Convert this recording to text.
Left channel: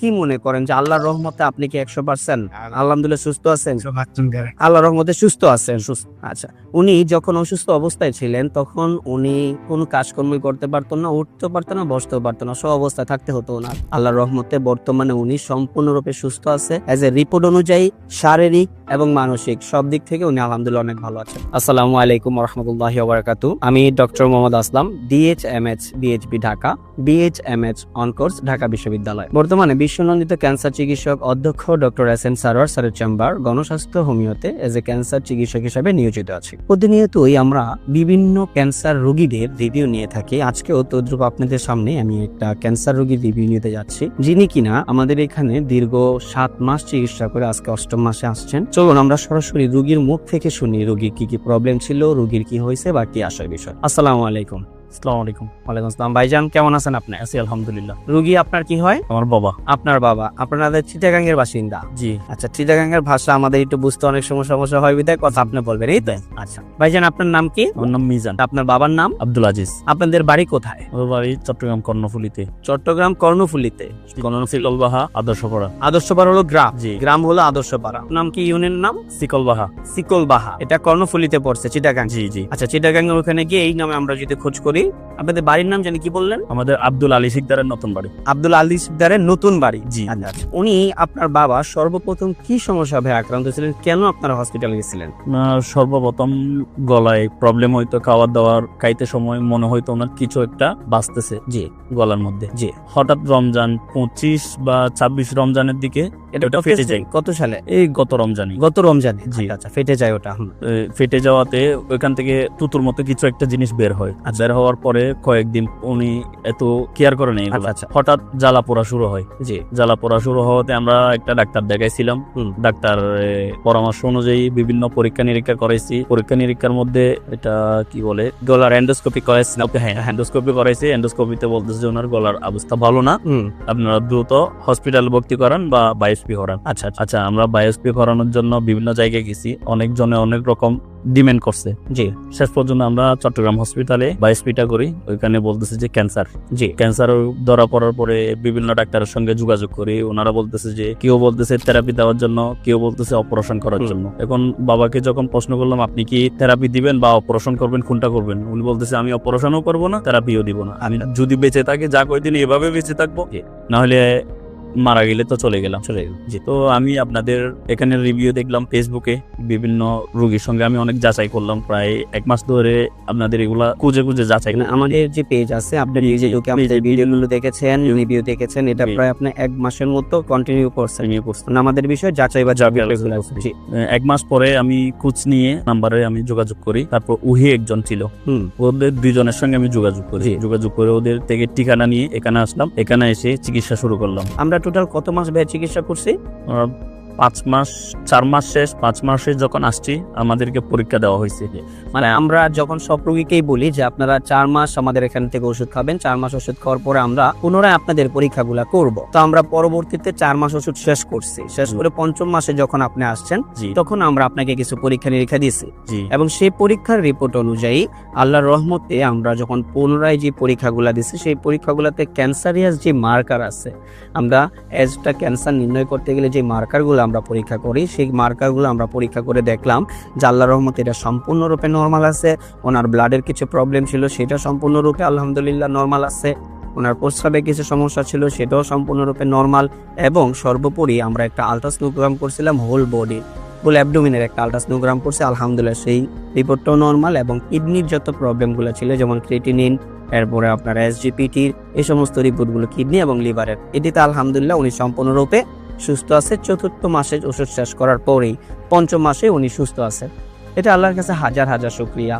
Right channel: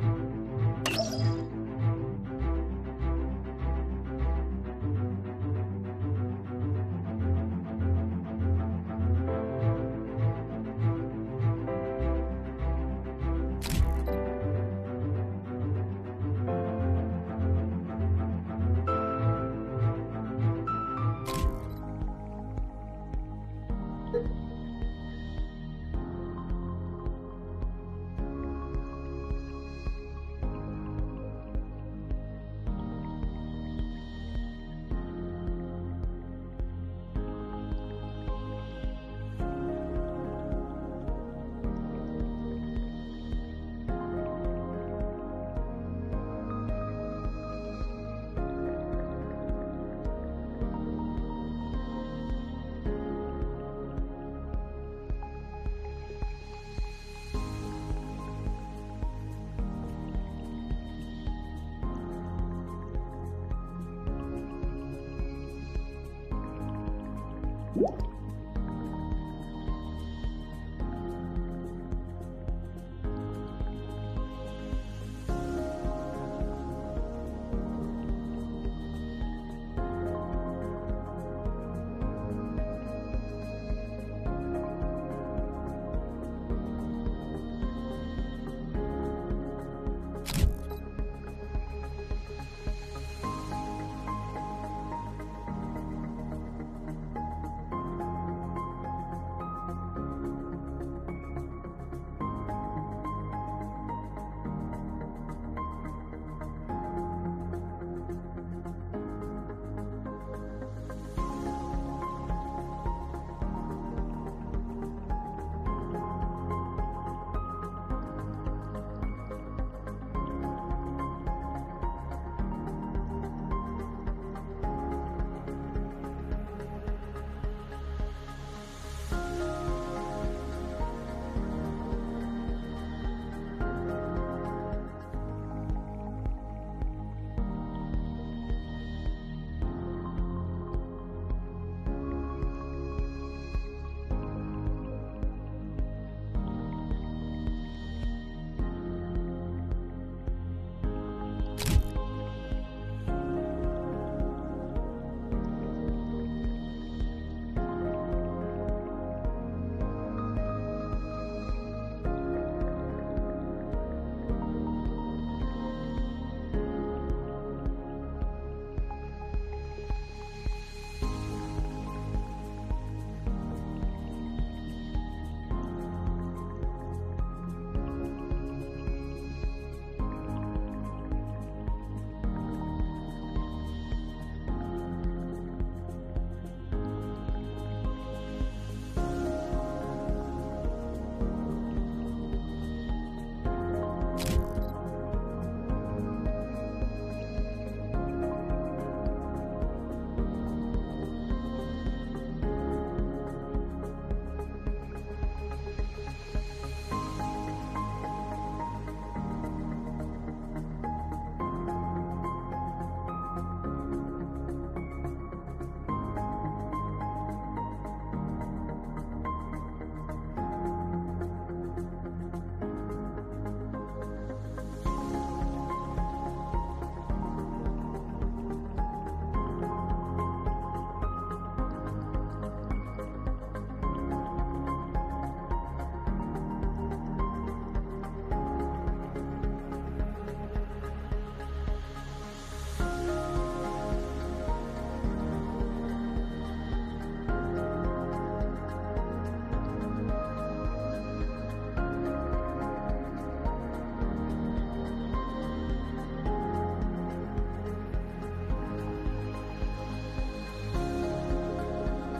কি মনে করেন যে আল্লাহর রহমতে আপনি কি 100% আলহামদুলিল্লাহ সুস্থ আছেন? আল্লাহর রহমতে সুস্থ আছেন। আচ্ছা, উনি যখন অসুস্থ অবস্থায় ছিলেন তখন উনি কোনো কাজকর্মই করতে পারতেন না, উঠতে পারতেন না, বসতেও পারতেন না, সব অবস্থায় থাকতে হতো না। আল্লাহর রহমতে বর্তমানে উনি সম্পূর্ণরূপে সুস্থ আছে। এজ এ রিপোর্ট অনুযায়ী শারীরিক এবং মানসিক সব দিক থেকে উনি আলহামদুলিল্লাহ অনেক ভালো আছেন। আসসালামু আলাইকুম ওয়া রাহমাতুল্লাহি ওয়া বারাকাতুহু। আমি doctor Mohammad Aslam, DHMH BHB Dhaka, BHMH on course Dhaka বিশ্ববিদ্যালয়। বর্তমানে বিশ্বনন্দিত ক্যান্সার চিকিৎসক অধ্যক্ষ ডক্টর এস এন সারোয়ার স্যারের চেম্বার গণস্বাস্থ্য হোমিওতে এজ এ ক্যান্সার চিকিৎসক হিসেবে নিয়োজিত আছি। প্রতিনিয়তই আমরা বিভিন্ন ক্যান্সার রোগীদের রিভিউ নিয়ে থাকি। আজকেও তদ্রুপ আপনাদের সামনে আমি একটা ক্যান্সার রোগীর রিভিউ নিতে যাচ্ছি, যিনি কিনা আমাদের এখানে দীর্ঘ 7 মাস চিকিৎসা করে আজকে 8ম মাসে আসছেন। চলুন আমরা সরাসরি রোগীর মুখ থেকে শুনি রোগীর কি কি প্রবলেম ছিল, রোগীর কি হয়েছে বা কি আসার বিষয়। আসসালামু আলাইকুম। আসসালামু আলাইকুম। ওয়ালাইকুম আসসালাম। ভাইজান কেমন আছেন আপনি? আছি আলহামদুলিল্লাহ। রোগী আপনার কি হয়? আমার বাবা। আপনার বাবা। আপনাদের চিটাগাং এর বাসিন্দা? জি। আচ্ছা, চিটাগাং এর ভাষা আমাদের একটু বুঝতে অনেক সমস্যা হয়, বিধায় কথা আপনি বলবেন, এই তো? আচ্ছা ভাইজান, আপনার নাম কি? আমার নাম মিজান। আপনার বাবার নাম? আব্দুল আজিজ। আপনাদের বাড়ি কোথায়? আমার বাড়ি চট্টগ্রাম কর্ণফুলীতে। চট্টগ্রাম কর্ণফুলীতে। সিকলবাহা আদর্শপাড়া। আদর্শপাড়া হলো গ্রাম? জি। গ্রাম হলো আদর্শপাড়া। নাম কি ইউনিয়নের নাম? সিকলবাহা। সিকলবাহা। এটা কর্ণফুলীতে পড়ছে, চিটাগাং? জি জি। আচ্ছা, চিটাগাং এর ওখানে গিয়ে এই নামে আমরা যদি খোঁজ করি, আপনাদের বাড়ির নাম জানি কি বললেন? আমাদের আব্দুল আলী সিকদারের নতুন বাড়ি। আব্দুল আলী সিকদারের নতুন বাড়ি? জি। আচ্ছা, উনি আপনার বাবা সর্বপ্রথম কি সমস্যা ভাবে আক্রান্ত ছিলেন, কেন আপনারা হসপিটালে গেছিলেন? ওনার সর্বপ্রথম গলায় প্রবলেম হইতো, খাওয়ার দাওয়ার খাইতে সময় মনে হইতো ওনার কিছু একটা বাঁচতেছে জি গলার মধ্যে। জি। হঠাৎ রমজান 25 বা 26 রমজানের দিকে এটা ফেটে যায়। কত সালে? এই গত রমজানে। গত রমজানে? জি। আচ্ছা, ফেটে যায় ওটা। ফেটে যাওয়াতে ওইখান থেকে তুতুর মতো কিছু একটা জিনিস বের হয়। বের হওয়ার পরে কয়েকদিন উনি এত কেয়ার করে নেই। আচ্ছা। হঠাৎ জ্বালা পোড়া শুরু হয়। জি। জ্বালা পোড়া শুরু হওয়াতে আমরা একটা ডাক্তার দেখাইছিলাম। ডাক্তার পরামর্শ অনুযায়ী বিভিন্ন পরীক্ষা নিরীক্ষা করাইছি। পরীক্ষা নিরীক্ষার মধ্যে এটা কি বলে, গলার এন্ডোস্কোপি করেছিলাম। হ্যাঁ, এন্ডোস্কোপি করাইছি। এন্ডোস্কোপিতে বলতেছে যে ওনার গলার অবস্থা ভালো না, আপনারা দ্রুত হসপিটাল ভর্তি করান বা বায়োপসি করান। আচ্ছা আচ্ছা, আমরা বায়োপসি করানোর জন্য বিভিন্ন জায়গায় গেছি, অনেকজনে অনেক রকম ডিমান্ড করছে। জি। শেষ পর্যন্ত আমরা চট্টগ্রাম হসপিটালে বায়োপসিটা করি। ওইখানে বলতেছে যে ক্যান্সার। জি। ক্যান্সার ধরা পড়ার পরে বিভিন্ন ডাক্তারের সঙ্গে যোগাযোগ করি। ওনারা বলতেছে যে কেউ বলতেছে থেরাপি দেওয়ার জন্য, কেউ বলতেছে অপারেশন করার জন্য। এখন বাবাকে যখন প্রশ্ন করলাম আপনি কি থেরাপি দিবেন বা অপারেশন করবেন, কোনটা করবেন, উনি বলতেছে আমি অপারেশনও করবো না, থেরাপিও দিব না, আমি যদি বেঁচে থাকি যা কয়দিন এভাবে বেঁচে থাকবো, না হলে মারা গেলে তো চলে গেলাম। জি। তো আমি আপনাদের এখানে রিভিউ দেখলাম ফেসবুকে, বিভিন্ন রোগীর সঙ্গে আমি অনেক যাচাই করলাম। প্রায় 1 মাস ধরে আপনাদের এগুলা খুঁজে যাচাই। আমাদের যে পেজ আছে, আপনি নিজে ঢুকে আমাদের ভিডিওগুলো দেখেছেন, রিভিউ দেখেছেন, এটা প্রায় আপনি 1 মাসের মতো কন্টিনিউ করছেন। আমাদের বিষয় যাচাই বা জি। 1 মাস পরে আমি খোঁজ নিয়ে নাম্বারে আমি যোগাযোগ করি। তারপর উহি একজন ছিল, ওদের 2 জনের সঙ্গে আমি যোগাযোগ করি। যোগাযোগ করে ওদের থেকে ঠিকানা নিয়ে এখানে আসলাম। এখানে এসে চিকিৎসা শুরু করলাম। আমরা টোটাল কত মাস ব্যয় চিকিৎসা করছি? 5 মাস, 4 মাস শেষ। 5 মাসে যখন আসছি আমাদেরকে পরীক্ষা দেওয়া হয়েছে। মানে আমরা যখন সব রোগীকেই বলি যে আপনারা 4 মাস আমাদের এখান থেকে ওষুধ খাবেন, 4 মাস ওষুধ খাওয়ার পরে আমরা পুনরায় আপনাদের পরীক্ষাগুলো করব। তো আমরা পরবর্তীতে 4 মাস ওষুধ শেষ করছি। শেষ করে 5ম মাসে যখন আপনি আসছেন, তখন আমরা আপনাকে কিছু পরীক্ষা নিরীক্ষা দিয়েছি, এবং সেই পরীক্ষার রিপোর্ট অনুযায়ী আল্লাহর রহমতে আমরা যখন পুনরায় যে পরীক্ষাগুলো দিচ্ছি, সেই পরীক্ষাগুলোতে ক্যান্সারিয়াস যে মার্কার আছে, আমরা এজটা ক্যান্সার নির্ণয় করতে গেলে যে মার্কারগুলো আমরা পরীক্ষা করি, সেই মার্কারগুলো আমরা পরীক্ষা করে দেখলাম যে আল্লাহর রহমতে এটা সম্পূর্ণরূপে নরমাল আছে। ওনার ব্লাডের কিছু প্রবলেম ছিল, সেটা সম্পূর্ণরূপে আলহামদুলিল্লাহ নরমাল আছে। ওনার প্রস্রাবে কিছু সমস্যা ছিল, সেটাও সম্পূর্ণরূপে নরমাল। এবং সর্বোপরি আমরা একটা আলট্রাসোনোগ্রাম করছিলাম, হোল বডি, ফুল অ্যাবডোমিনের একটা আলট্রাসোনোগ্রাম করছে, আলহামদুলিল্লাহ সেই রিপোর্টটাও নরমাল। এবং কিডনির যত প্রবলেমগুলো ছিল, যেমন ক্রিয়েটিনিন, এরপরে আপনার এসজিপিটির, এই সমস্ত রিপোর্টগুলো কিডনি এবং লিভারের, এটিতে আলহামদুলিল্লাহ উনি সম্পূর্ণরূপে সুস্থ আছে। 4র্থ মাসে ওষুধ শেষ করার পরেই 5ম মাসে উনি সুস্থ আছে। এটা আল্লাহর কাছে হাজার হাজার শুকরিয়া।